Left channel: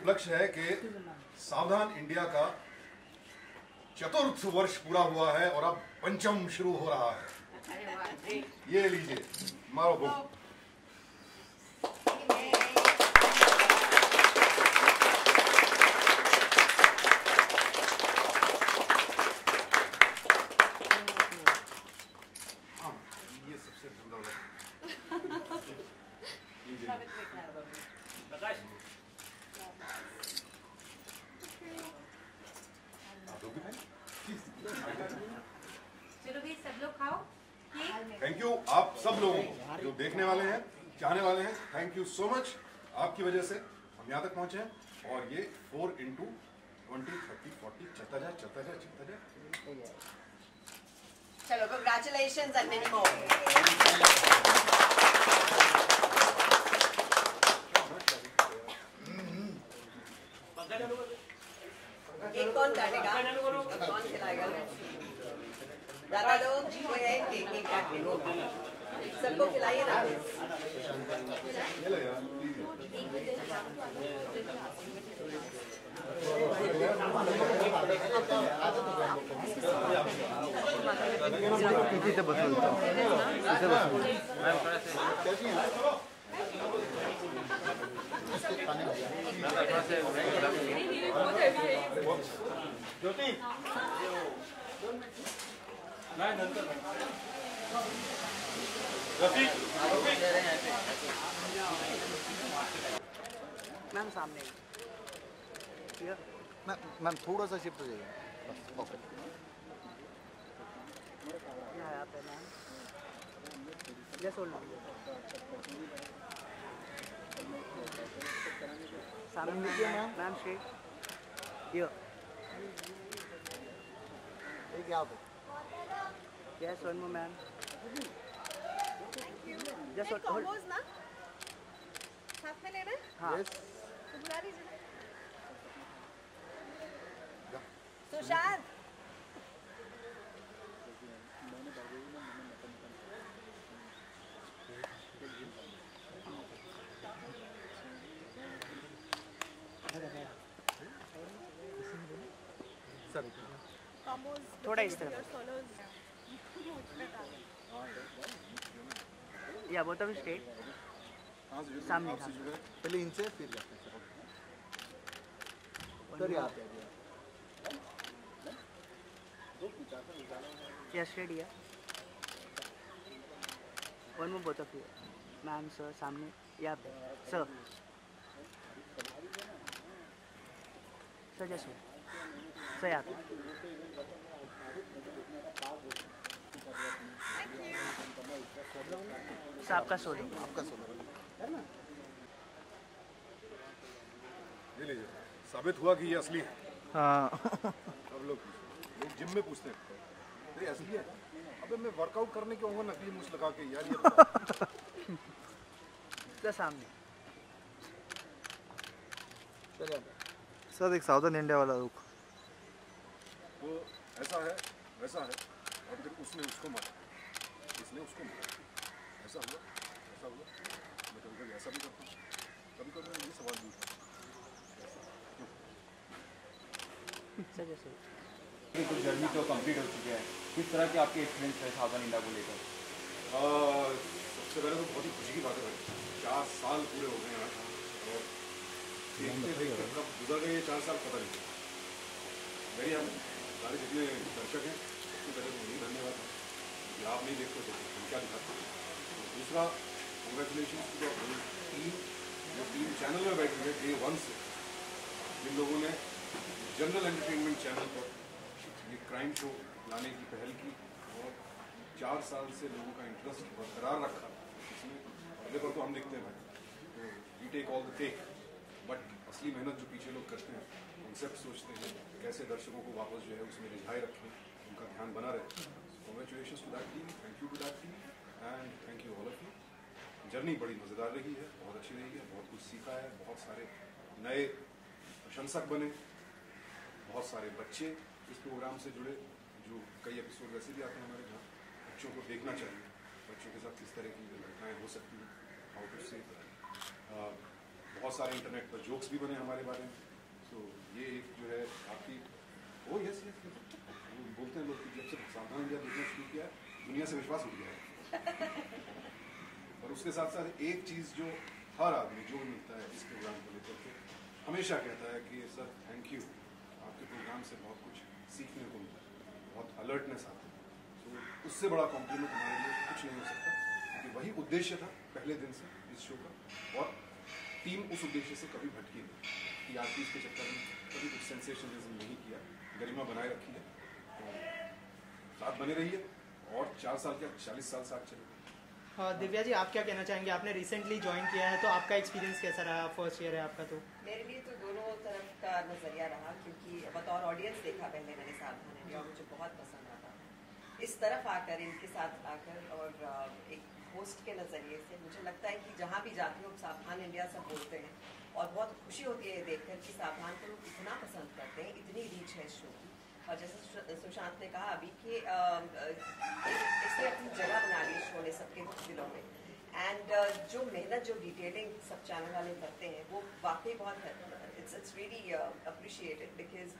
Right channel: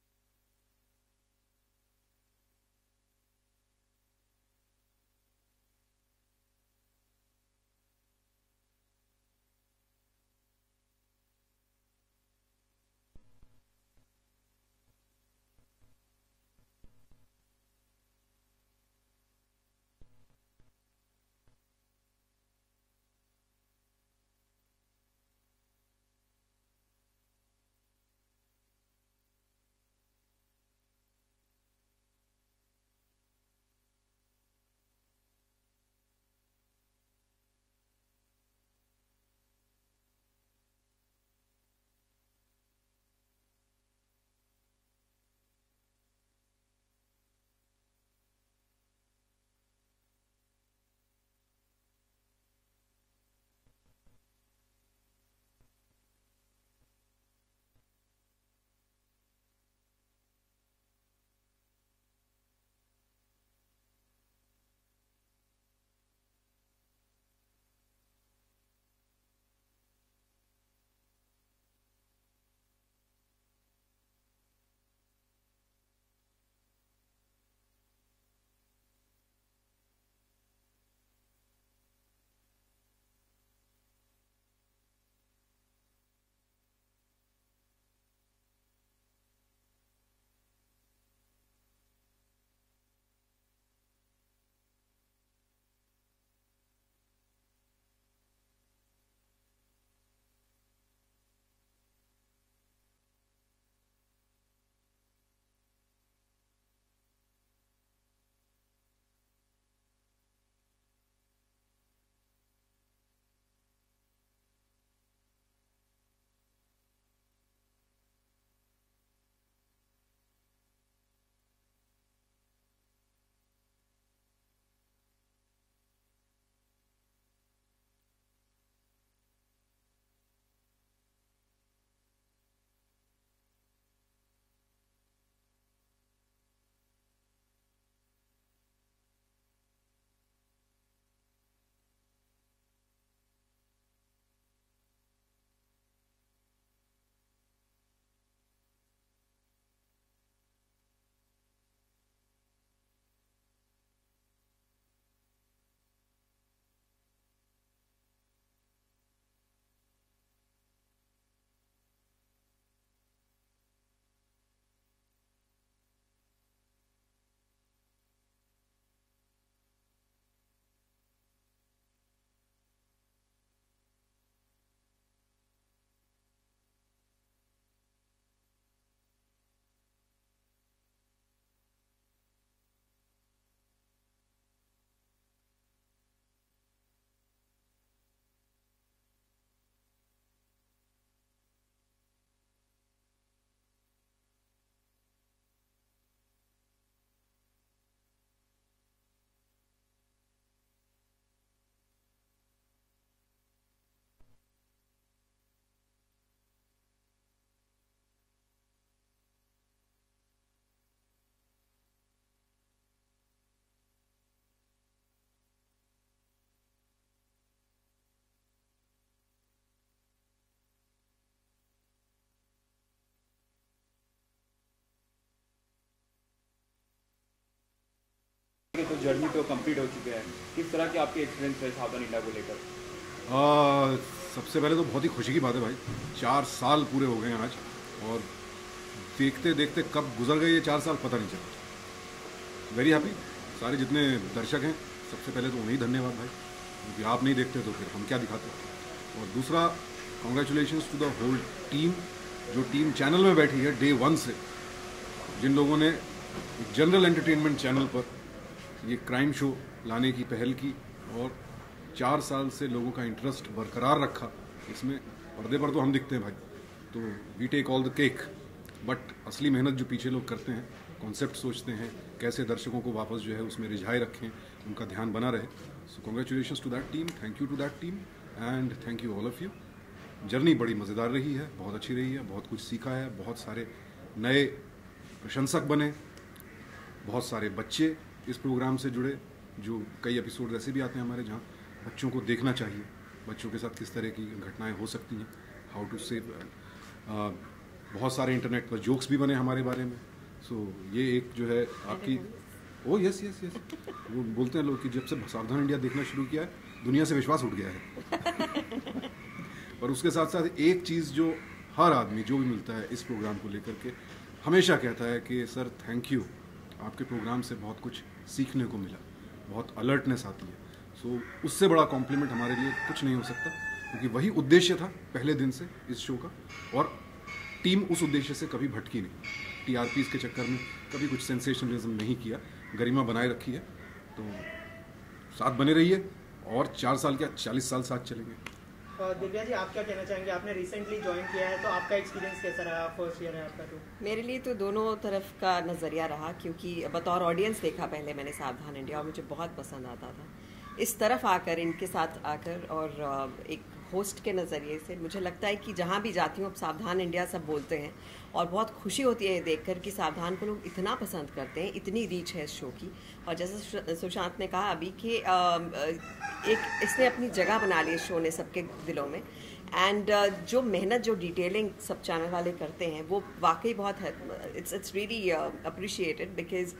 उपलक्ष्य है कि सावधान इंडिया का 4th वर्ष पूरा हुआ है और अब 5म शुरू हो रहा है। ये लीजिए, मारो बुक। थैंक यू आप सब लोगों को जो देखने वाले हैं, चाहने वाले हैं। Thank you so much. आपकी वजह से हम यहाँ तक पहुँचे हैं और ये 4 into 20, 30, 40 चलता जाए, चलता जाए, चलता जाए। चलो, congratulations and many more. Cake कौन काटेगा? कौन खिलाएगा? दादा दो, कोई है केक काटने को? सबको खिलाइए ना। इथे बसवतो, इथे बसवतो। ज्योति मैम सामने मैम थोड़ा सा शिफ्ट हो जाइए। ओके यहाँ पे मैम जस्ट होल्ड सामने मैम मैम स्ट्रेट ये क्या पे yes one more ma'am just hold ना साथ में लेना। हाँ तो बुला लीजिए सुशांत। थोड़ा इस तरफ या बोथ ऑफ स्ट्रेट सामने पहले इनसे फिर जाते हैं सर यहाँ पे या स्ट्रेट या one more both of you ma'am sir सामने यहाँ पे सर सर जैसे सर यहाँ पे सर आपका सोलो ये लीजिए, साबित हुआ कि ये असली है। हाँ अब लोग जिम में पूछते हैं ये असली है। अबे मैं वर्कआउट करने के होऊंगा नकली मूछ लगा के यार, ये सर सामने सर एक साउदर्न इंडिया वाला रुक। वो ऐसा है, वैसा है, और फिर उसने उसको मारा, इसने उसको मारा, ऐसा हुआ, ऐसा हुआ। मैं कभी ऐसा भी करता हूँ, कभी कभी ये सवाल पूछता हूँ। सर जैसे कुछ जर्नी तो कंप्लीट हो चुके हैं, किस तरह के आपके एक्सपीरियंस है सावधान इंडिया को लेकर? सबसे पहले तो बहुत ही खुशी की बात है भाई, 4 साल पूरे हो गए हैं आज, और देखते देखते कब गुजर गए ये 4 साल पता नहीं चला। Very happy. सारे जितने दर्शक हैं, सबसे पहले तो उन्हें धन्यवाद भाई, क्योंकि आप नहीं देखते तो फिर हम क्या दिखाते। और दूसरा, congratulations to the whole team, जो टीम चैनल में बैठी है डे 1 से, जिन लोगों ने जनरल एंटरटेनमेंट चैनल पर ये क्राइम शो लाने की पहल की और 4 साल से लोगों का इंटरेस्ट बरकरार रखा। इसमें पर्दे पर तो हम दिखते हैं भाई, तो we take all the cake, but असली मेहनत जो पीछे लोग करते हैं, कॉन्सेप्ट सोचते हैं, कैसे दर्शकों को वापस जो है उसमें रिझाए रखें, उनका ध्यान बना रहे। So congratulations to that team, thank you to that team and thank you all of you. Journey बड़ी मज़ेदार रही है, बहुत अच्छी रही है, बहुत कुछ सीखा है, बहुत सारे नए प्रशंसक बने, बहुत सारे बच्चे इस प्रोग्राम से जुड़े। जो कई एपिसोड ऐसे भी आते हैं हमारे जहाँ बच्चों को देखना चाहिए, बच्चों के साथ किस तरह की घटनाएं हो सकती हैं, हाउ टू सेव बहुत सारे इंटरनेट पर जोक्स भी बने हमारे बारे में। सो ये एक जो है आपकी ओ यस यस यस वो बोलते हैं लोग कि जब से सावधान इंडिया देखना शुरू किया है दुनिया से विश्वास उठ गया है। और उसके साथ साथ एक चीज़ जो हर आदमी जो भी मिलता है इस प्रोग्राम को लेकर के हमेशा कहता है कि सर थैंक यू, आपके प्रोग्राम से बहुत कुछ सीखने को मिला, बहुत अलर्टनेस आती है। सो उससे बड़ा कॉम्प्लीमेंट हमारे लिए कुछ नहीं हो सकता, क्योंकि वही उद्देश्य था पहले दिन से इस शो का, और टीम उस उद्देश्य से कभी भटकी नहीं। टीआरपीज़ के चक्कर में कभी कुछ सेंसेशनलिज्म नहीं किया, गरिमा बनाए रखी है। तो साथ बने रहिए और 4 साल क्या 40 साल साथ चलेंगे। दिव्या जी, आप क्या कहना चाहेंगे? आपने रिसेंटली ज्वाइन किया है, तो आपका एक्सपीरियंस कैसा रहा? फर्स्ट ईयर है आपका। तो मेरे लिए तो दोनों तरफ का नज़रिया रहा, क्योंकि बतौर ऑडियंस देखा पहले मैंने सावधान इंडिया और मुझे बहुत पसंद आता था। इस तरफ आकर, इनके साथ आकर और एक होस्ट के नज़रिए से मुझे लगता है कि जहाँ भी जाती हूँ अब सावधान इंडिया सब बोलते हैं, और बहुत खुशी होती है ये देखकर कि सावधान को लोग इतना पसंद करते हैं, इतनी रीच है इस शो की। और जैसे सुशांत ने कहा अभी कि एक इसने अपनी जगह बना ली इस शो ने सबके दिलों में। एंड जो मेहनत, जो डिटेलिंग सब चैनल वाले करते हैं वो वाकई बहुत है, इट्स रियली अप्रिशिएटेड, बिकॉज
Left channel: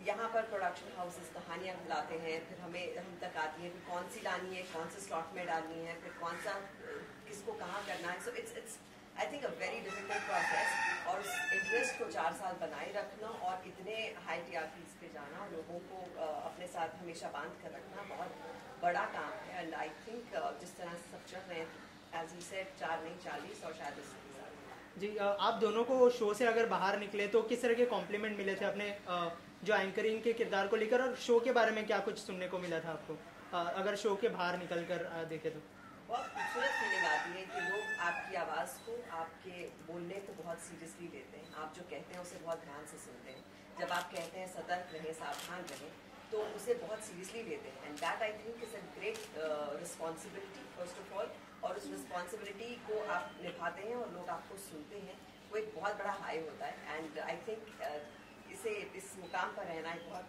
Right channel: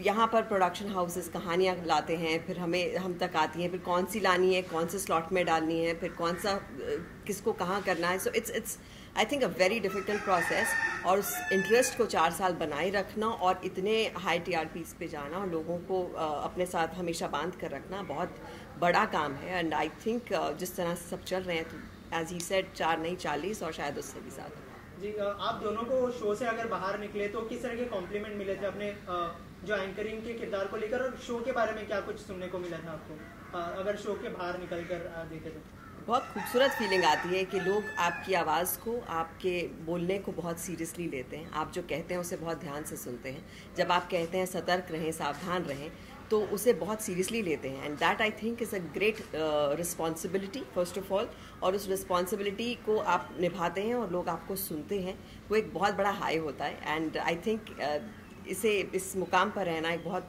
यहाँ पर प्रोडक्शन हाउसेस कहानियाँ लाते हैं, फिर हम तक आती हैं, फिर कौन सी लानी है, कौन से स्लॉट में डालनी है, फिर कौन सा किसको कहाँ करना है। So it's I think a very difficult process, और उस इंटरेस्ट को 4 साल बनाए रखना और इतने हाई TRPs पे जाना और लोगों को अपने साथ हमेशा बांध कर रखना बहुत बड़ा काम है। एंड आई थिंक जिस तरह से सब चल रहे हैं, तो एज ही सेड 4 नहीं 40 और शायद उससे भी ज़्यादा। जी, आप दोनों को शो से अगर बाहर निकले तो किस तरह के कॉम्प्लीमेंट मिले थे अपने जो एंकरिंग के किरदार को लेकर, और शो के बारे में क्या कुछ सुनने को मिला था आपको अगर शो के बाहर निकल कर देखे तो? बहुत खूबसूरत फीलिंग आती है कि लोग आपकी आवाज़ को, आपके बोलने को बहुत सीरियसली लेते हैं। आप जो कहते हैं उसे बहुत ध्यान से सुनते हैं। जब आप कहते हैं सतर्क रहें, सावधान रहें, तो उसे बहुत सीरियसली लेते हैं। And that I think is a great responsibility first of all, और उस रिस्पॉन्सिबिलिटी को आप निभाते हैं और लोग आपको सुनते हैं, वो एक बहुत बड़ा हाई होता है। एंड आई थिंक इस मुकाम पर रहना एक बहुत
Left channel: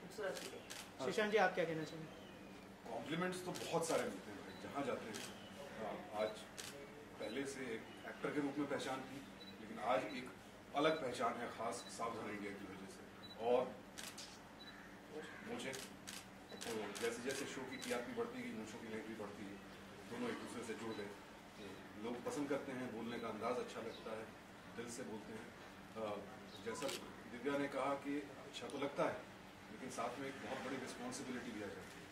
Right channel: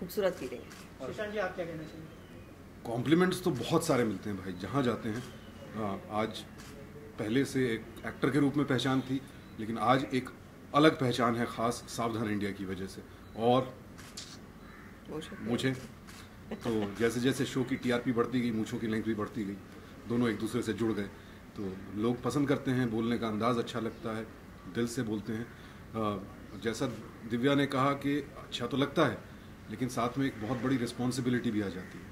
खूबसूरत फीलिंग है। सुशांत जी, आप क्या कहना चाहिए? कॉम्प्लीमेंट्स तो बहुत सारे मिलते हैं भाई, जहाँ जाते हैं। आज पहले से एक एक्टर के रूप में पहचान थी, लेकिन आज एक अलग पहचान है ख़ास सावधान इंडिया की वजह से। और मुझे तो जैसे जैसे शो की TRP बढ़ती गई, मूंछों की लेंथ भी बढ़ती गई, दोनों एक दूसरे से जुड़ गए। तो लोग पसंद करते हैं, बोलने का अंदाज़ अच्छा लगता है, दिल से बोलते हैं। जैसा दिव्या ने कहा कि अच्छा तो लगता है, लेकिन साथ में एक बहुत बड़ी रिस्पॉन्सिबिलिटी भी आ जाती है,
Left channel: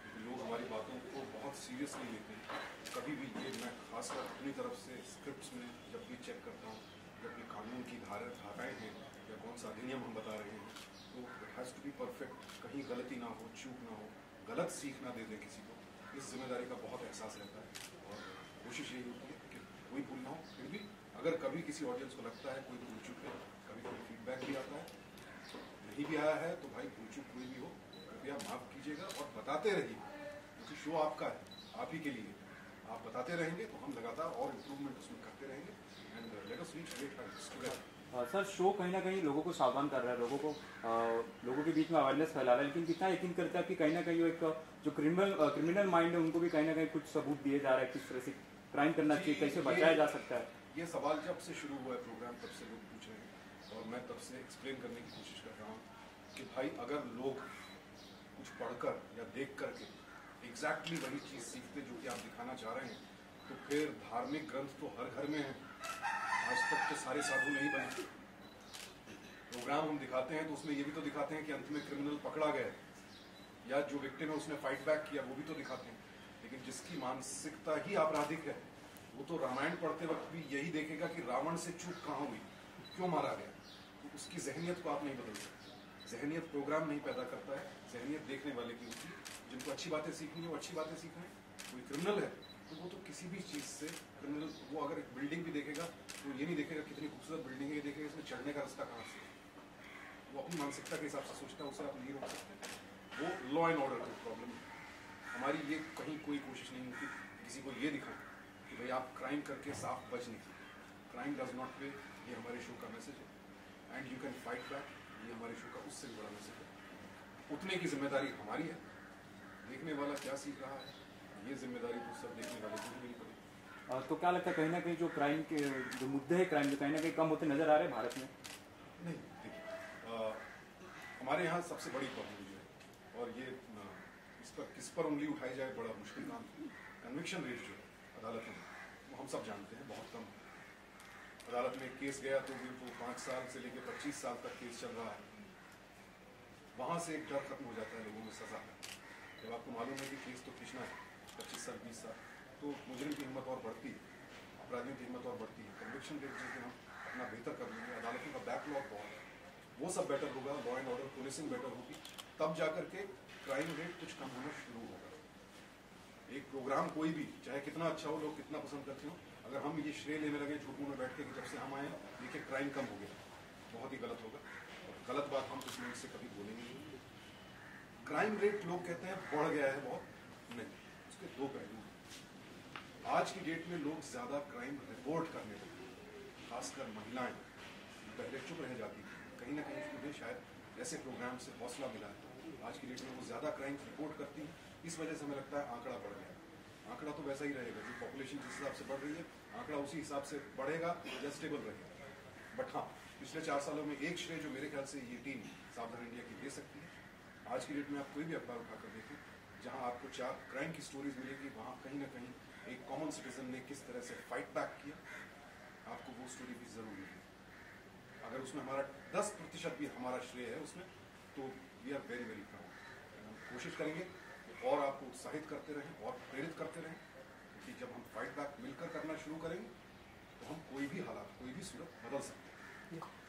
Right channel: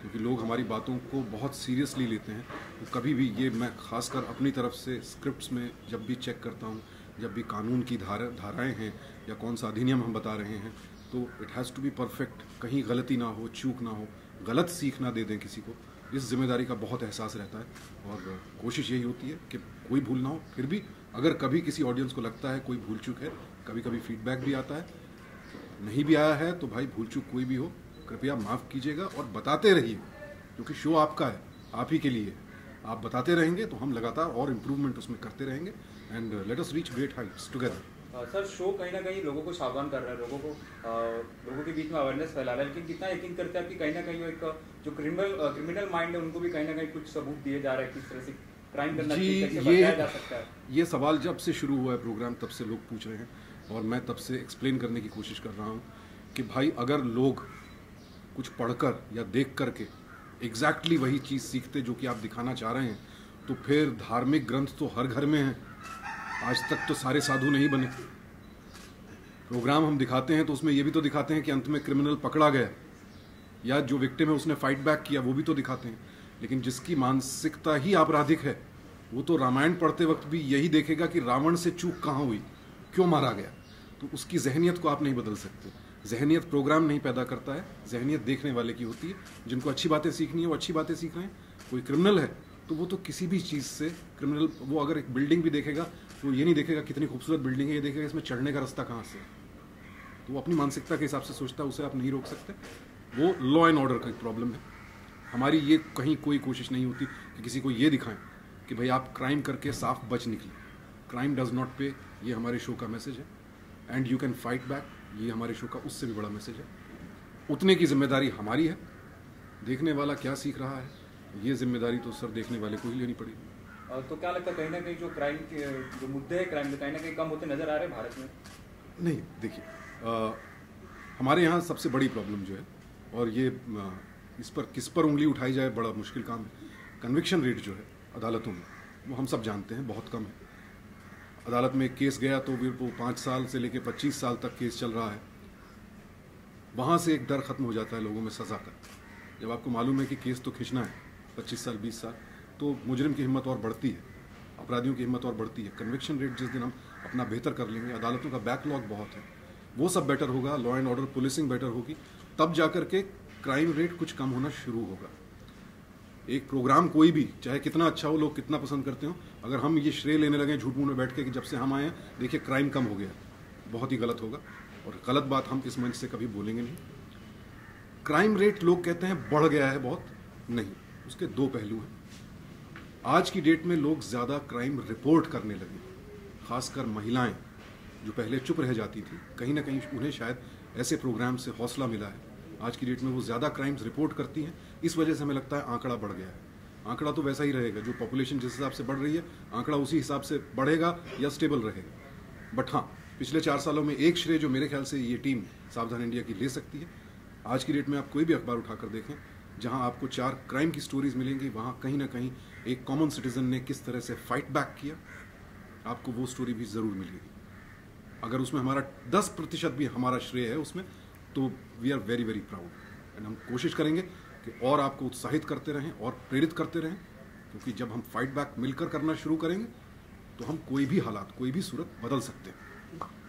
क्योंकि लोग हमारी बातों को बहुत सीरियसली लेते हैं। तो कभी भी ये मैं खासकर अपनी तरफ से स्क्रिप्ट्स में जब भी चेक करता हूँ, जब भी कानून की धाराएं हैं या कौन सा अधिनियम हम बता रहे हैं, तो it has to be perfect, कहीं गलती ना हो, चूक ना हो, गलत सीख ना दे दें किसी को। इस जिम्मेदारी का बहुत एहसास रहता है, और कोशिश यही होती है कि कोई भूल ना हो। फिर भी अगर कभी किसी ऑडियंस को लगता है कोई भूल चूक है, कभी कभी फीडबैक भी आता है, नहीं भी आया है तो भाई भूल चूक कोई भी हो, कृपया माफ़ कीजिएगा और बताते रहिए, क्योंकि शो आपका है, आप ही के लिए। आप बताते रहेंगे तो हम लगातार और इम्प्रूवमेंट उसमें करते रहेंगे, and let us reach great Heights together. Sir, show कहीं ना कहीं लोगों को सावधान कर रहा है, लोगों के बीच में अवेयरनेस फैला रहा है, लेकिन कितना यकीन करता है कि कहीं ना कहीं एक जो क्रिमिनल माइंड है उनको भी कहीं ना कहीं कुछ सबूत दिए जा रहे हैं, किस तरह से क्राइम करना चाहिए, कैसे बचाया जा सकता है? ये सवाल जब से शुरू हुआ है प्रोग्राम तब से लोग पूछ रहे हैं, और मैं तब से एक्सप्लेन करने की कोशिश कर रहा हूँ कि भाई अगर लोग कुछ पढ़कर या देख करके एग्जैक्टली वही चीज़ सीखते जो कि आप दिखाना चाह रहे हैं, तो फिर धार्मिक ग्रंथ तो हर घर में हैं। आज तक तो सारे साधु नहीं बने। प्रोग्राम हम दिखाते हैं तो उसमें ये भी तो दिखाते हैं कि अंत में क्रिमिनल पकड़ा गया, या जो विक्टिम है उसने फाइट बैक किया, वो भी तो दिखाते हैं। लेकिन जिसकी मानसिकता ही आपराधिक है, वो तो रामायण पढ़ते वक्त भी यही देखेगा कि रावण से चूक कहाँ हुई, क्यों मारा गया। तो उसकी जहनियत को आप नहीं बदल सकते। जहनियत प्रोग्राम नहीं पैदा करता है, जहनियत देखने वाले की होती है। जिनको अच्छी बातें सीखनी है वो अच्छी बातें सीख रहे हैं। कोई क्रिमिनल है तो वो तो किसी भी चीज़ से क्रिमिनल, वो अगर एक बिल्डिंग भी देखेगा तो ये नहीं देखेगा कितनी खूबसूरत बिल्डिंग है, ये देखेगा इसमें चढ़ने का रास्ता कहाँ से है। तो वो अपनी मानसिकता के हिसाब से सोचता है, उसे आप नहीं रोक सकते। वो लॉ एंड ऑर्डर का एक प्रॉब्लम है। हमारी ये कहीं कोई कोशिश नहीं होती कि किसी को ये दिखाएं कि भाई आप क्राइम करके साफ बच निकले। क्राइम डज नॉट पे, ये हमारे शो का मैसेज है। And you can fight back, ये हमारे शो का उससे भी बड़ा मैसेज है। उतने की जिम्मेदारी हमारी है। देखने वाला क्या सीख रहा है, ये जिम्मेदारी तो सर देखने वाले को ही लेनी पड़ेगी। तो क्या लगता है कहीं ना कहीं जो क्राइम के जो मुद्दे हैं क्राइम के कहीं ना कहीं कम होते नजर आ रहे हैं भारत में? नहीं, देखिए हमारे यहाँ सबसे बड़ी प्रॉब्लम जो है, और ये इस पर किस पर उंगली उठाई जाए बड़ा मुश्किल काम है, कन्विक्शन रेट जो है अदालतों में वो हम सब जानते हैं बहुत कम है। अदालत में केस गया तो फिर वो 5 साल से लेकर 25 साल तक केस चल रहा है, वहाँ से एक डर खत्म हो जाता है लोगों में सज़ा का। जब आपको मालूम है कि केस तो खींचना है 25 साल 20 साल, तो मुजरिम की हिम्मत और बढ़ती है, अपराधियों की हिम्मत और बढ़ती है। कन्विक्शन रेट जिस दिन हम अपना बेहतर कर लेंगे, अदालतों का बैकलॉग बहुत है, वो सब बेटर होगा, law and order policing better होगी, तब जाकर के क्राइम रेट कुछ कम होना शुरू होगा। एक प्रोग्राम कोई भी चाहे कितना अच्छा हो, लोग कितना पसंद करते हो, अगर हम ये श्रेय लेने लगे झूठ मूठ में बैठ के कि जब से हम आए हैं देखिए क्राइम कम हो गया, बहुत ही गलत होगा और गलत बात हम इस मंच से कभी बोलेंगे नहीं। क्राइम रेट लोग कहते हैं बढ़ गया है बहुत, नहीं, उसके दो पहलू हैं। आज की डेट में लोग ज़्यादा क्राइम रिपोर्ट करने लगे, खासकर महिलाएं जो पहले चुप रह जाती थी, कहीं ना कहीं उन्हें शायद ऐसे प्रोग्राम से हौसला मिला है। आज की डेट में वो ज़्यादा क्राइम्स रिपोर्ट करती हैं, इस वजह से हमें लगता है आंकड़ा बढ़ गया है। आंकड़ा तो वैसा ही रहेगा, जो पॉपुलेशन जिस हिसाब से बढ़ रही है आंकड़ा उसी हिसाब से बढ़ेगा या स्टेबल रहेगा। बट हाँ, पिछले 4 सालों में एक श्रेय जो मेरे ख्याल से ये टीम सावधान इंडिया की ले सकती है। आज की डेट में आप कोई भी अखबार उठाकर देखें, जहां आपको 4 क्राइम की स्टोरीज मिलेंगी, वहां कहीं ना कहीं एक कॉमन सिटीजन ने किस तरह से फाइट बैक किया, आपको वो स्टोरी भी ज़रूर मिलेगी। अगर उसमें हमारा 10% भी हमारा श्रेय है उसमें, तो we are very very proud and हम कोशिश करेंगे कि और आपको उत्साहित करते रहें और प्रेरित करते रहें, क्योंकि जब हम फाइट बैक मिलकर करना शुरू करेंगे तो हम कोई भी हालात, कोई भी सूरत बदल सकते हैं।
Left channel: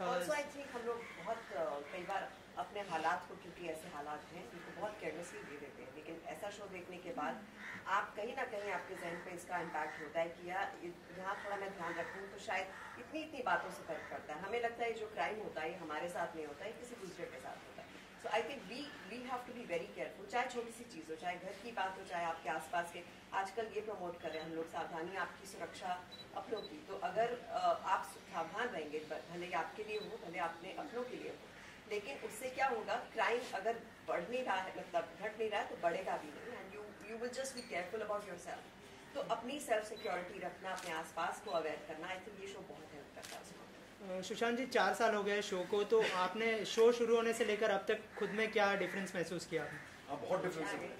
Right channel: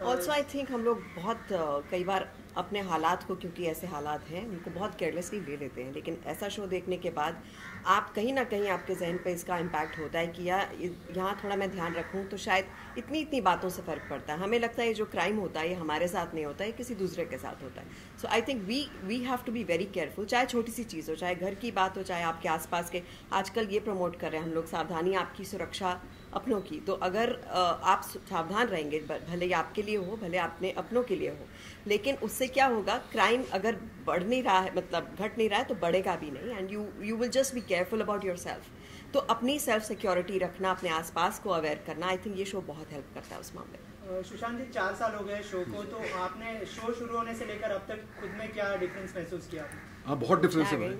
ऑल्सो आई थिंक हम लोग बहुत कई बार अपने हालात को, क्योंकि ऐसे हालात हैं, उनको बहुत केयरलेसली ले लेते हैं, लेकिन ऐसा शो देखने के बाद आप कहीं ना कहीं आपके जहन पे इसका इम्पैक्ट होता है कि यार यहाँ थोड़ा मैं ध्यान रखूँ तो शायद इतनी बातों से फ़र्क पड़ता है। हमें लगता है ये जो क्राइम होता है ये हमारे साथ नहीं होता है, किसी दूसरे के साथ होता है। So I think we have to be very careful, चाहे छोटी सी चीज़ हो, चाहे घर की बात हो, चाहे आपके आसपास के। आजकल ये प्रमोट कर रहे हैं हम लोग, सावधानी आपकी सुरक्षा अपनों की। तो अगर आप सावधान रहेंगे, भले ही आपके लिए हो, भले अपने अपनों के लिए हो, लेकिन उससे क्या होगा, क्राइम अगर बढ़ नहीं रहा है, मतलब घट नहीं रहा है, तो बढ़ेगा भी नहीं। And you will just be careful about yourself. तो अपनी सेल्फ सिक्योरिटी रखना, अपने आसपास को अवेयर करना, आई थिंक ये शो बहुत हेल्प करता है उस मामले में। सुशांत जी, 4 साल हो गए शो को, तो आपने शो शुरू होने से लेकर अब तक खुद में क्या डिफरेंस महसूस किया? हाँ, बहुत डिफरेंस है भाई।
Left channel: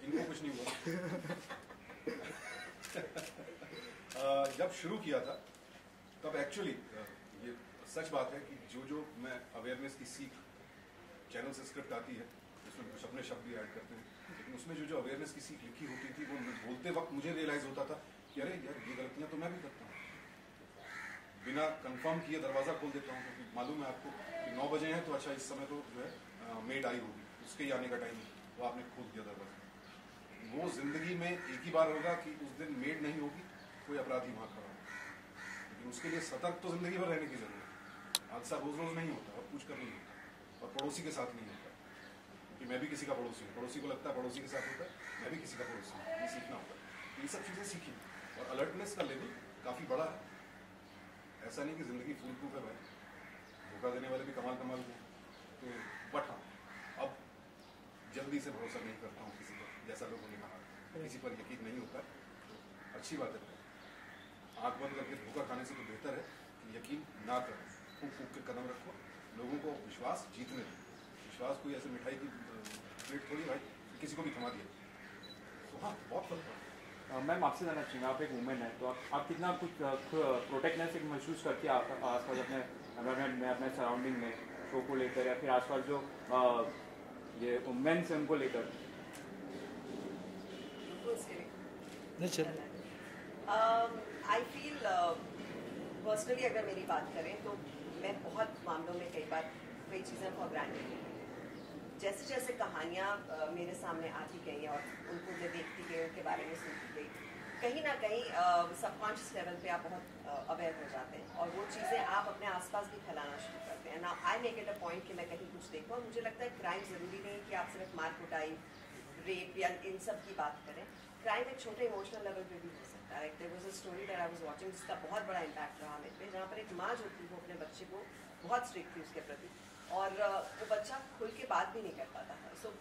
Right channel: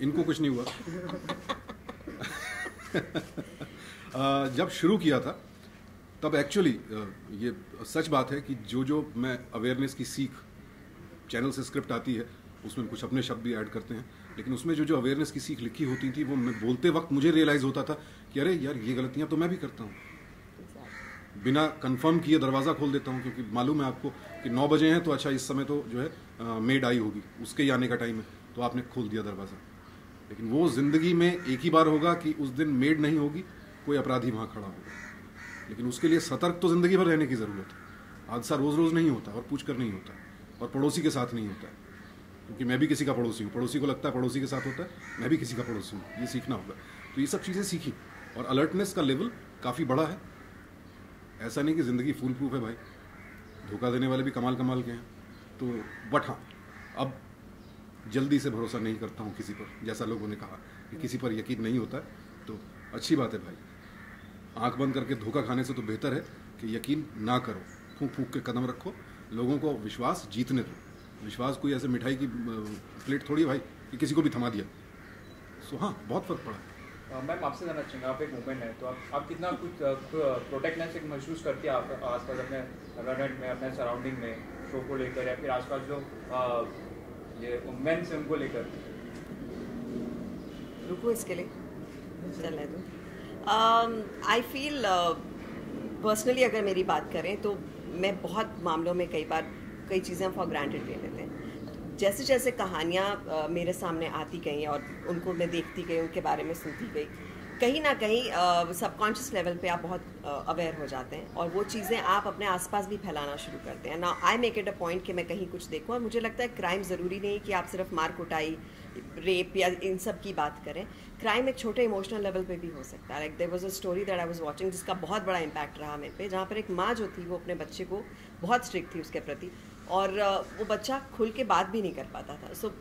इनको कुछ नहीं हुआ। जब शुरू किया था तब एक्चुअली ये सच बात है कि जो मैं अवेयरनेस की सीख, चैनल से स्क्रिप्ट आती है उसमें कुछ अपने शब्द भी ऐड करते हैं, लेकिन उसमें जो अवेयरनेस की सीख लिखी होती थी वो मैं बोलते वक्त मुझे रियलाइज़ होता था कि अरे यार ये गलतियाँ तो मैं भी करता हूँ। बिना कंफर्म किए दरवाज़ा खोल देता हूँ, क्योंकि मालूम है आपको कि 9 बजे हैं तो अच्छा इस समय तो जो है मेड आई होगी, उसके ही आने का टाइम है, तो आपने खोल दिया दरवाज़ा। लेकिन वो ज़िंदगी में एक ही बार होगा कि उस दिन मेड नहीं होगी, कोई अपराधी वहाँ खड़ा होगा। लेकिन उसके लिए सतर्क तो ज़िंदगी भर रहने की ज़रूरत है। हादसा रोज़ रोज़ नहीं होता और पूछ कर नहीं होता, और पड़ोसी के साथ नहीं होता है, क्योंकि मैं भी किसी का पड़ोसी हूँ। पड़ोसी को लगता है पड़ोसी के साथ होता है, मैं भी किसी का पड़ोसी हूँ। ये सीखना होगा। तो ये सब चीज़ें सीखी और अलर्टनेस का लेवल काफ़ी बड़ा है। ऐसा नहीं कि ज़िंदगी फूल प्रूफ है भाई, धोखा देने वाले भी कमाल के हैं। तो बट हाँ, अब जल्दी से भरोसा नहीं करता हूँ किसी पर। जैसा लोगों ने कहा कि किसी पर यकीन नहीं होता है, तो अच्छी बात है भाई। आंख बंद करके धोखा खाने से तो बेहतर है कि यकीन ना करो, फूंक फूंक के कदम रखो, लोगों को विश्वास जीतने दो। विश्वास कोई ऐसे मिठाई की प्लेट थोड़ी भाई कि किसी को भी थमा दिया। सो हाँ, बहुत फर्क पड़ा। मैम, आपसे जानना चाहेंगे, आप एक वुमेन है, तो आप कितना कुछ प्रोटेक्टनेस महसूस करती है आप आसपास अपने एनवायरनमेंट में, अपने सराउंडिंग में, शो को लेकर, या फिर आसपास जो ये वुमेन्स हैं उनको लेकर? रुको इसके लिए चलने दो। आई फील पर्सनली अगर मेरी बात करें तो मैं बहुत मामलों में कई चीज़ें हम फॉर ग्रांटेड ले लेते हैं। जैसे जैसे कहानियाँ मेरे सामने आती गई और उनको मैं देखती गई, उनके बारे में सुनती गई, कहीं ना कहीं सबकॉन्शियस लेवल पे आप बहुत अवेयर हो जाते हैं और वो चीज़ें आप अपने आसपास भी फैलाना शुरू करते हैं। Now I make it a point कि मैं कहीं कुछ देखूँ, और मुझे लगता है क्राइम ज़रूरी नहीं कि आप सिर्फ मार कुटाई, रेप या इन सब की बात करें। क्राइम एक छोटे इमोशनल लेवल पे भी हो सकता है। Like there was a story that I was watching जिसका बहुत बड़ा इम्पैक्ट रहा मेरे पे, जहाँ पर एक माँ जो थी वो अपने बच्चे को बहुत स्ट्रिक्ट थी उसके प्रति, और वो बच्चा खुल के बात भी नहीं कर पाता था। So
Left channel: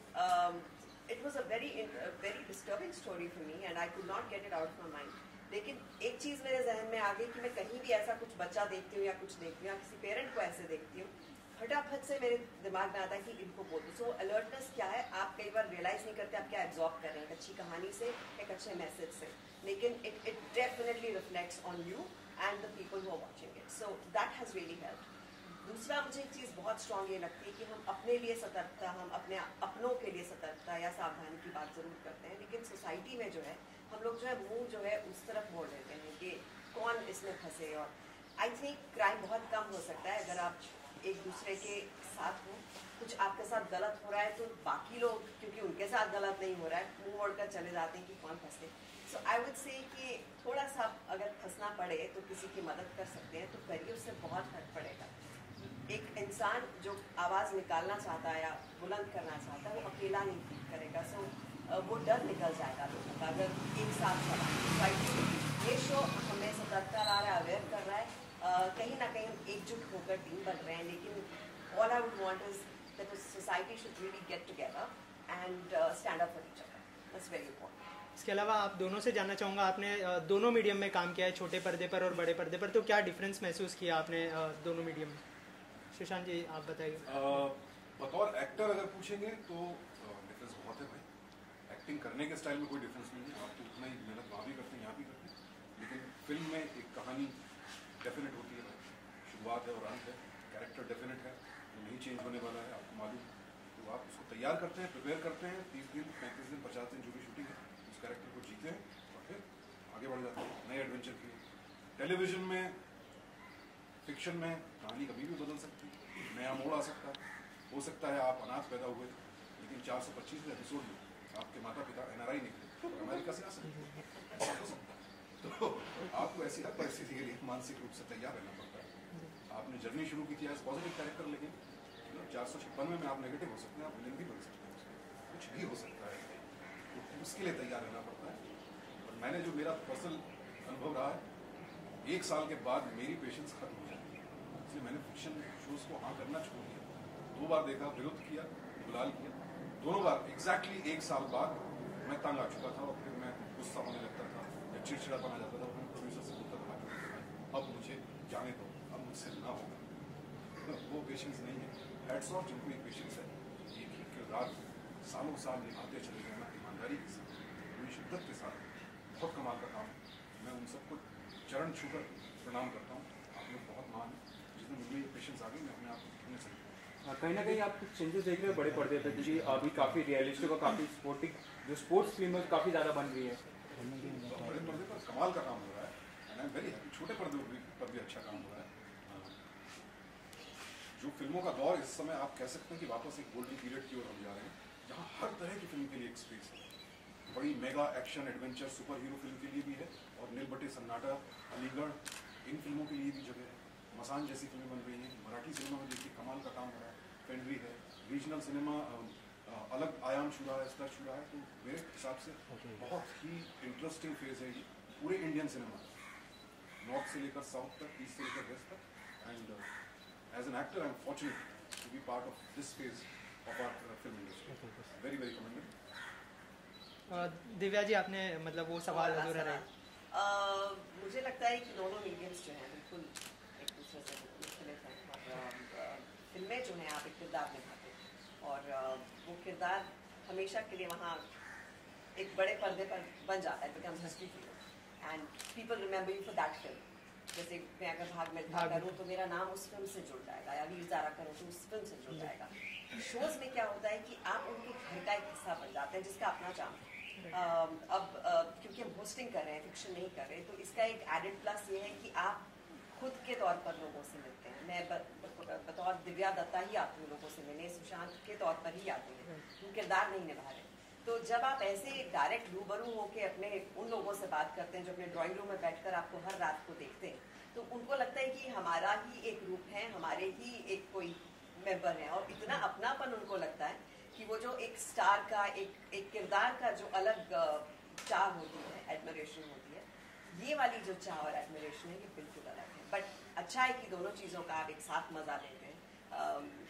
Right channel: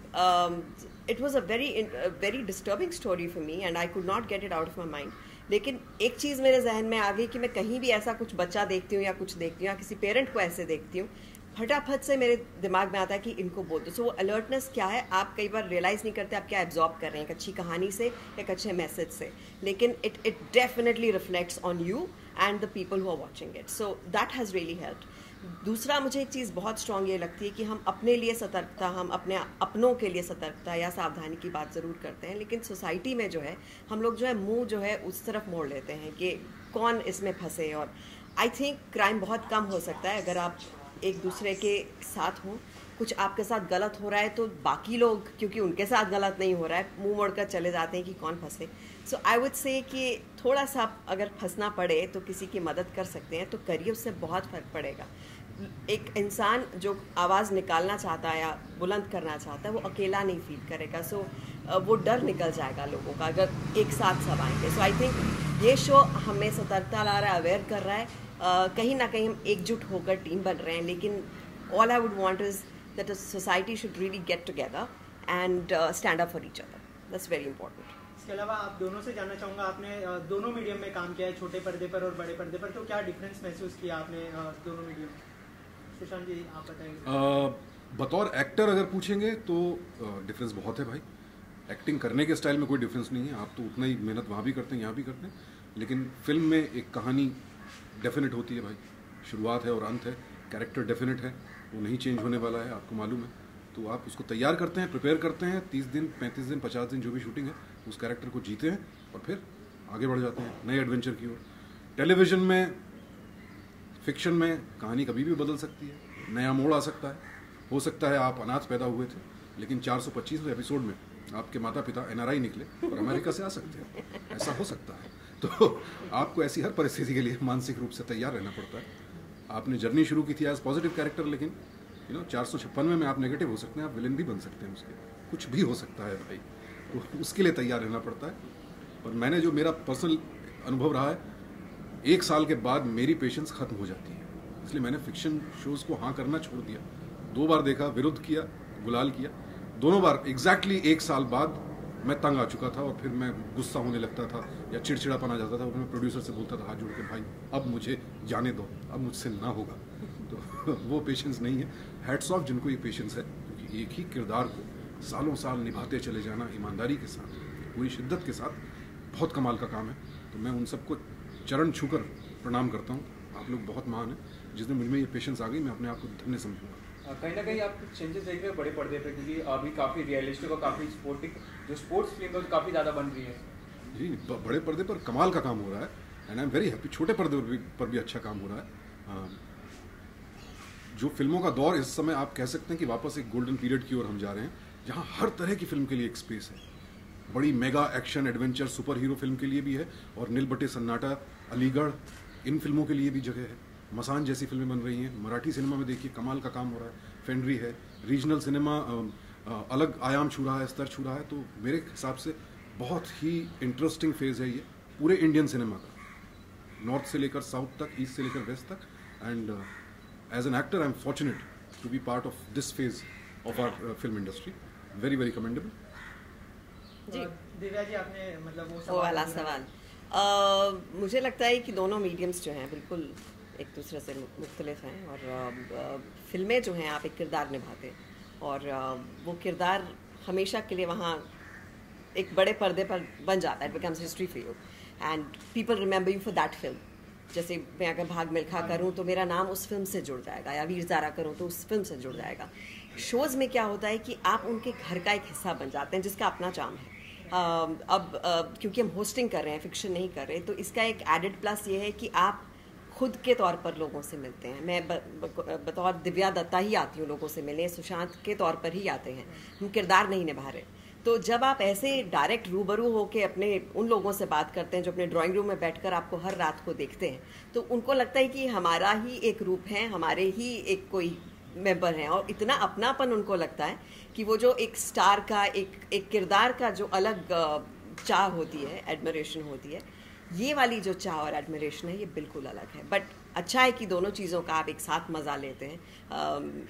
it was a very disturbing story for me and I could not get it out of my mind. लेकिन एक चीज़ मेरे जहन में आ गई कि मैं कहीं भी ऐसा कुछ बच्चा देखती हूँ या कुछ देखती हूँ या किसी पेरेंट को ऐसे देखती हूँ, फटाफट से मेरे दिमाग में आता है कि इनको बोल दो। सो वो अलर्टनेस क्या है, आप कई बार रियलाइज़ नहीं करते आप क्या एब्जॉर्ब कर रहे हैं, एक अच्छी कहानी से, एक अच्छे मैसेज से, लेकिन it definitely reflects on you and the people who are watching it. So that has really helped. दूसरा, मुझे एक चीज़ बहुत स्ट्रॉन्ग ये लगती है कि हम अपने लिए सतर्कता, हम अपने अपनों के लिए सतर्कता या सावधानी की बात ज़रूर करते हैं, लेकिन सोसाइटी में जो है हम लोग जो है मुंह जो है उस तरफ मोड़ लेते हैं कि कौन इसमें फंसे। और आई थिंक क्राइम बहुत कम हो सकता है अगर आप एक दूसरे के साथ हों। कुछ आपके साथ गलत हो रहा है तो बाकी लोग, क्योंकि उनके साथ गलत नहीं हो रहा है, मुंह मोड़कर चले जाते हैं कि कौन फंसे। सो आई वुड से कि थोड़ा सा अगर फंसना पड़े तो किसी की मदद कर सकते हैं तो करिए, उससे बहुत फ़र्क पड़ेगा। एक इंसान जो आवाज़ निकालना चाहता है या बुलंद करना चाहता है वो अकेला नहीं फील करेगा। सो वो डर निकल जाएगा लोगों का अगर एक साथ सब आएंगे। सो आई थिंक ये शो हमें सतर्कता ला रहा है, अवेयर कर रहा है। कहीं ना कहीं हम एकजुट होकर टीम बन रहे हैं, लेकिन all I would want is that society should really get together and stand up for each other. That's very important. इसके अलावा आप दोनों से जानना चाहूँगा, आपने दोनों मीडियम में काम किया है, छोटे पर्दे पर और बड़े पर्दे पर, तो क्या डिफरेंस महसूस किया आपने दोनों मीडियम में? सुशांत जी आप बताइए। बतौर एक्टर अगर पूछेंगे तो डिफरेंस बहुत है भाई। एक्टिंग करने के स्टाइल में कोई डिफरेंस नहीं है, आप तो उतना ही मेहनत वहाँ भी करते हैं यहाँ भी करते हैं, लेकिन फिल्म में एक कहानी डेफिनेट होती है भाई, शुरुआत है और अंत है, कैरेक्टर डेफिनेट है, वो नहीं चेंज होने वाला है, आपको मालूम है। तो आप उसको तैयार करते हैं, प्रिपेयर करते हैं, 30 दिन 35 दिन 50 दिन जो भी शूटिंग है उस कैरेक्टर को जीते हैं और फिर आगे बढ़ जाते हैं नए एडवेंचर की ओर। टेलीविज़न में, फिक्शन में कहानी कभी भी बदल सकती है, नया मोड़ आ सकता है। हो सकता है आप अनाथ पैदा हुए थे लेकिन 425वें एपिसोड में आपके माता पिता NRI निकले और अमेरिका से आ सकते हैं, ऐसा हो सकता है। तो आपको ऐसी हर परिस्थिति के लिए मानसिक रूप से तैयार रहना पड़ता है। आपने जर्नी शुरू की थी एज पॉजिटिव कैरेक्टर, लेकिन 456वें में आप नेगेटिव हो सकते हैं, आप विलन भी बन सकते हैं, उसके कुछ भी हो सकता है भाई, तो उसके लिए तैयार रहना पड़ता है। और मैंने जो मेरा पर्सनल अनुभव रहा है, 1 साल के बाद मेरी पेशेंस खत्म हो जाती है, इसलिए मैंने फिक्शन शोज़ को हाँ करना छोड़ दिया। 2 बार देखा, विरुद्ध किया, गुलाल किया, दोनों बार एग्जैक्टली 1 साल बाद मैं तंग आ चुका था और फिर मैं गुस्सा होने लगता था या चिड़चिड़ापन आ जाता था। मैं प्रोड्यूसर से बोलता था हाथ जोड़ के, भाई अब मुझे जाने दो, अब मुझसे ना होगा। तो वो पेशेंस नहीं है। हैट्स ऑफ जिनको ये पेशेंस है, क्योंकि एक ही किरदार को सालों साल निभाते चले जाना ईमानदारी के साथ, पूरी शिद्दत के साथ, बहुत कमाल का काम है। तो मैं उन सबको चरण छूकर प्रणाम करता हूँ। आप लोग बहुत महान हैं। जिस दिन मुझ में ये पेशेंस आ गई, मैं अपने आप को धन्य समझूंगा। कहीं ना कहीं आप चेंजेस देख रहे हो बड़े पर्दे पे, क्योंकि अभी काफ़ी रियलिस्टिक और काफ़ी स्पोर्टिक जो स्पोर्ट्स फिल्म है काफ़ी ज़्यादा बन रही है। जी, बड़े पर्दे पर कमाल का काम हो रहा है and I am very happy. छोटे पर्दे पर भी अच्छा काम हो रहा है। जो फिल्मों का दौर इस समय आप कह सकते हैं कि वापस एक गोल्डन पीरियड की ओर हम जा रहे हैं, जहाँ हर तरह की फिल्म के लिए एक स्पेस है। बड़ी mega action adventure super hero film के लिए भी है, और नील बटे सन्नाटा, अलीगढ़, इन फिल्मों के लिए भी जगह है। मसान जैसी फिल्में बन रही हैं। मराठी सिनेमा में देखिए कमाल का काम हो रहा है, फेंड्री है। रीजनल सिनेमा अलग आयाम छू रहा है, स्तर छू रहा है। तो मेरे हिसाब से बहुत ही इंटरेस्टिंग फेज़ है ये पूरे इंडियन सिनेमा का, नॉर्थ से लेकर साउथ तक, ईस्ट से लेकर वेस्ट तक। And as an actor I am fortunate to be part of this phase of our film industry. Very very commendable. Divya ji, आपने मतलब वो वाला सवाल, मुझे लगता है कि दोनों मीडियम्स जो हैं बिल्कुल एक दूसरे से मुख्तलिफ हैं। और फिल्में जो हैं आप एक किरदार निभाते हैं और वो किरदार हमेशा के लिए वहाँ एक बड़े पर्दे पर बन जाता है, it becomes history for you and people remember you for that film. जैसे मैं अगर भाग मिल्खा करूँ तो मेरा नाम उस फिल्म से जुड़ जाएगा, या वीर ज़ारा करूँ तो उस फिल्म से जुड़ जाएगा। शोज़ में क्या होता है कि आप उनके घर का एक हिस्सा बन जाते हैं, जिसका अपना चार्म है। क्योंकि हम होस्टिंग कर रहे हैं, फिक्शन नहीं कर रहे, तो इसका एक एडेड प्लस ये है कि आप खुद के तौर पर लोगों से मिलते हैं। मैं बतौर दिव्या दत्ता ही आती हूँ लोगों से मिलने, सुशांत के तौर पर ही आते हैं, हम किरदार नहीं निभा रहे। तो जब आप ऐसे डायरेक्ट रूबरू होकर अपने उन लोगों से बात करते हैं जो अपने ड्राइंग रूम में बैठकर आपको हर रात को देखते हैं, तो उनको लगता है कि हमारा ही एक रूप है, हमारे ही एक कोई मेंबर हैं, और इतना अपनापन उनको लगता है कि वो जो एक स्टार का एक किरदार का जो अलग चाह होती है, एडमिरेशन होती है, ये वाली जो चाह और एडमिरेशन है ये बिल्कुल अलग है। बट अच्छा है कि दोनों चीज़ों का आप एक साथ मज़ा लेते हैं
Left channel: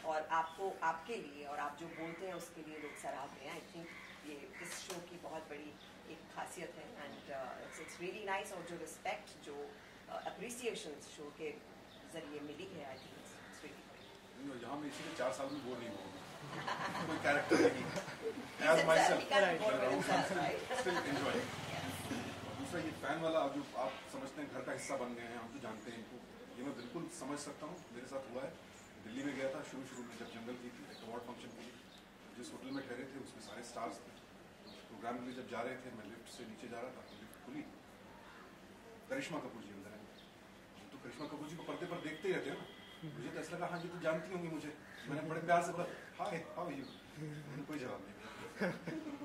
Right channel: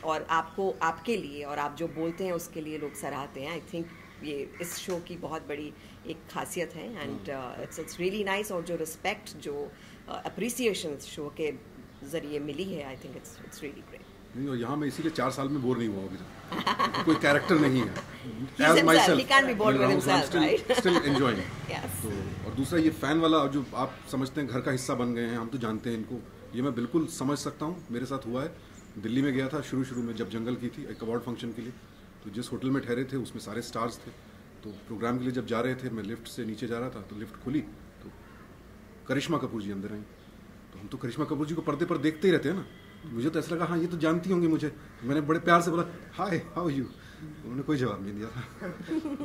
और आपको आपके लिए और आप जो बोलते हैं उसके लिए लोग सराहते हैं। आई थिंक ये इस शो की बहुत बड़ी एक खासियत है एंड इट्स रियली नाइस। और जो रिस्पेक्ट, जो अप्रिसिएशन शो के ज़रिए मिली है, I think it's really great. नहीं, और यहाँ मैं इसीलिए 4 साल में बोर नहीं हुआ अभी तक। कोई कैरेक्टर नहीं है। He's himself. He can't be bored with himself, right? Still enjoying. Yes. तो और दूसरा ये फैन वाला जो आप समझते हैं घर का हिस्सा बन गए हैं, हम तो जानते हैं इनको, ये मैं बिल्कुल समझ सकता हूँ। मेरे साथ हुआ है, दिल्ली में गया था शुरू में जब जंगल की थी एक अवार्ड फंक्शन के लिए, तो जिस होटल में ठहरे थे उसमें सारे स्टार्स थे। तो प्रोग्राम के लिए जब जा रहे थे, मैं लिफ्ट से नीचे जा रहा था तो लिफ्ट खुली तो करिश्मा कपूर जी अंदर आई। तो हम तो करिश्मा कपूर जी को पर्दे पर देखते ही रहते हैं ना, मुझे तो ऐसा लगा हाँ ये तो जानती होंगी मुझे। मैंने बड़े प्यार से बोला हाय हाउ यू, उन्होंने कोई जवाब नहीं दिया था।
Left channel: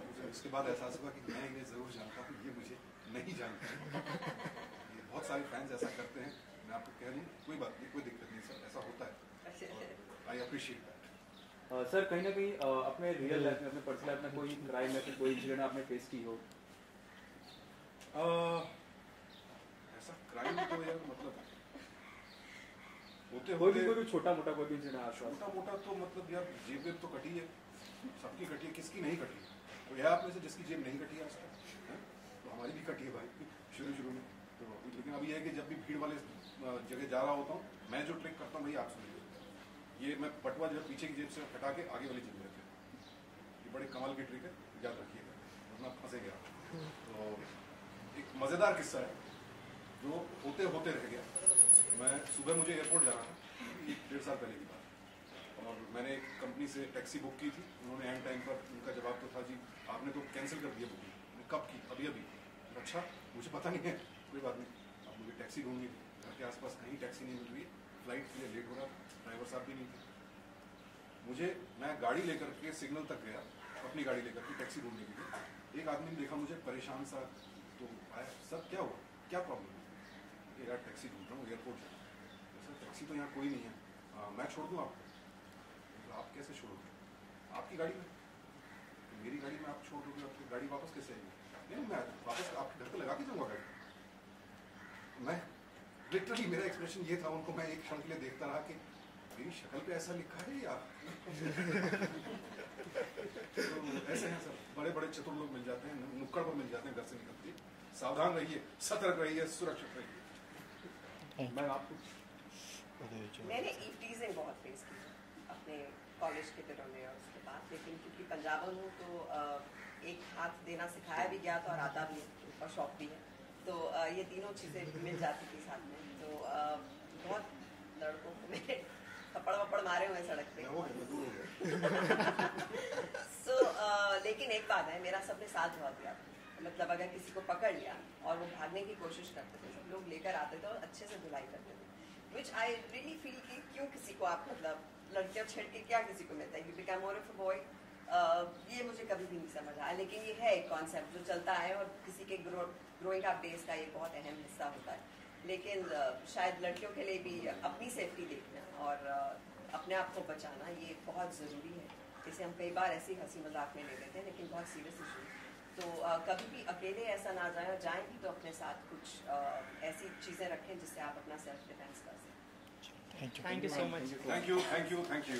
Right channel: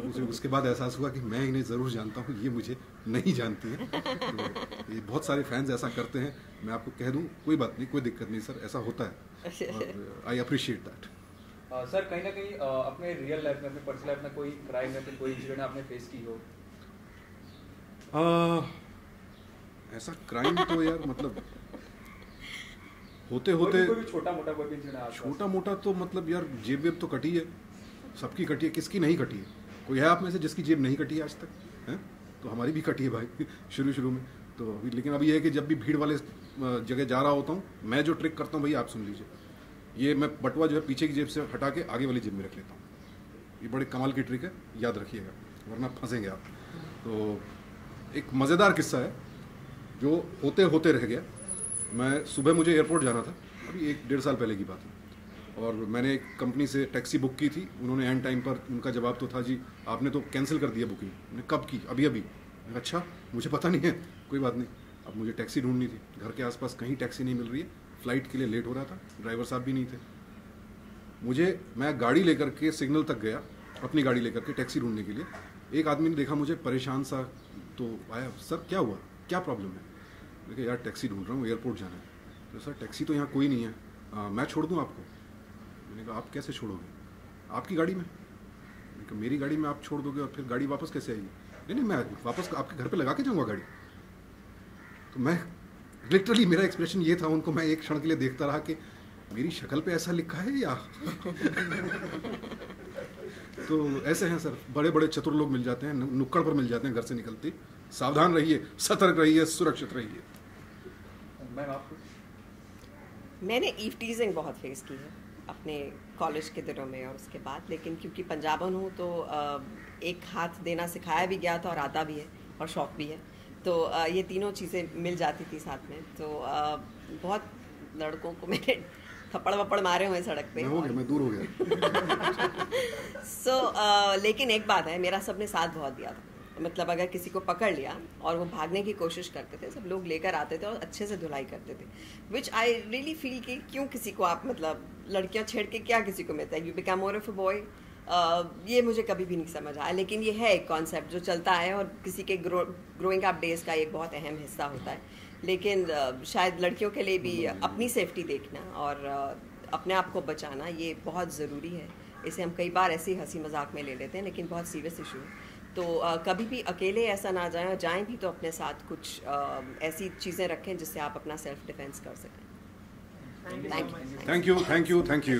मुझे उसके बाद एहसास हुआ कि मैं इन्हें ज़रूर जानता हूँ, ये मुझे नहीं जानती है। तो ये बहुत सारे फैंस ऐसा करते हैं, मैं आपको कह दूँ कोई बात नहीं, कोई दिक्कत नहीं सर, ऐसा होता है और आई अप्रिशिएट दैट। सर कहीं ना कहीं अपने रियल लाइफ में, अपने पर्सनल लाइफ में कोई क्राइम या फिर कोई इंसिडेंट आपने फेस की हो? ऐसा क्राइम तो यार मतलब होते कोई छोटा मोटा कोई भी इंसिडेंट? छोटा मोटा तो मतलब यार जेब वेब तो कटी है, सबकी कटी है, किसकी नहीं कटी है? कोई है आप में से जिसकी जेब नहीं कटी है आज तक? है तो हमारी भी कटी है भाई शुरू में तो अभी। लेकिन अभी ये है कि जब भी भीड़ वाले जगह जा रहा होता हूँ, मैं जो ट्रिक करता हूँ भाई आप सुन लीजिए, ये मैं बटुआ जो है पीछे की जेब से हटा के आगे वाली जेब में रख लेता हूँ। ये बड़े कमाल की ट्रिक है, याद रखिएगा वरना फंसेंगे आप। तो एक मज़ेदार किस्सा है जो होते होते रह गया। मैं सुबह मुझे एयरपोर्ट जाना था, अभी 1-1.5 साल पहले की बात है, और मैंने एक कंपनी से टैक्सी बुक की थी। उन्होंने एंड टाइम पर उनका जवाब तो था जी आपने तो कैंसिल कर दिया बुकिंग। मैंने कब की? अभी। अच्छा मुझे पता नहीं है, कोई बात नहीं। अब मुझे टैक्सी ढूंढनी थी, घर के आसपास कहीं टैक्सी नहीं मिल रही है, फ्लाइट के लिए लेट हो रहा था, ड्राइवर साहब भी नहीं थे। मैं गाड़ी लेकर के सिग्नल तक गया, अपनी गाड़ी लेकर के टैक्सी ढूंढने के लिए। एक आदमी ने देखा मुझे परेशान सा, तो आया, सर क्या हुआ, क्या प्रॉब्लम है? देखिए यार टैक्सी ढूंढ रहा हूँ, एयरपोर्ट जाना है। तो सर टैक्सी तो यहाँ कोई नहीं है, मैं छोड़ दूँ आपको? मैंने कहा आप कैसे छोड़ोगे, आपकी गाड़ी में? मैंने कहा मेरी गाड़ी में आप छोड़ दोगे और फिर गाड़ी वापस कैसे आएगी? नहीं मैं वापस आपके घर पे लगा के जाऊँगा गाड़ी। तो मैं लिटरली, मेरा एक्सप्रेशन ये था, उनको मैं एक क्षण के लिए देखता रहा कि मेरी शक्ल पे ऐसा लिखा है या तो ऐसे हैं सर, बड़े बड़े चतुर लोग मिल जाते हैं, नुक्कड़ पर मिल जाते हैं घर से निकलते। सावधान रहिए, सतर्क रहिए, सुरक्षित रहिए। मैं आपको मैंने ईव टीजिंग बहुत फेस की है अपने कॉलेज के दिनों में और उसके बाद, लेकिन क्योंकि पंजाबन हूँ तो एक हाथ देना सिखाया भी गया था और आता भी है और शौक भी है, तो ये तीनों चीज़ें मिल जाती थी साथ में। तो बहुत लड़कों को मैंने थप्पड़ वप्पड़ मारे हुए सड़क पे। मैं दूर हो गया। लेकिन एक बात है, मेरा सबने साथ बहुत दिया था। मतलब अगर किसी को पकड़ लिया और वो भागने की कोशिश करते थे, सब लोग लेकर आते थे और अच्छे से धुलाई करते थे, विच आई रियली फील कि क्यों किसी को आप मतलब लड़कियां छेड़ के क्या किसी को मिलता है, you become more of a boy. ये मुझे कभी भी नहीं समझ आया, लेकिन ये है एक कॉन्सेप्ट जो चलता है और किसी के ग्रोइंग अप डेज का एक बहुत अहम हिस्सा होता है। लेकिन शायद लड़कियों के लिए भी अपनी सेफ्टी देखना और अपने आप को बचाना ये बहुत ज़रूरी है। इसे हम कई बार ऐसे ही हंसी मजाक में ले लेते हैं, लेकिन बहुत सीरियस इशू है। तो कभी भी अकेले ऐसा ना जाएं, और जाएं भी तो अपने साथ कुछ ऐसी चीज़ें रखें जिससे आप अपना सेल्फ डिफेंस कर सकें। Thank you so much. Thank you.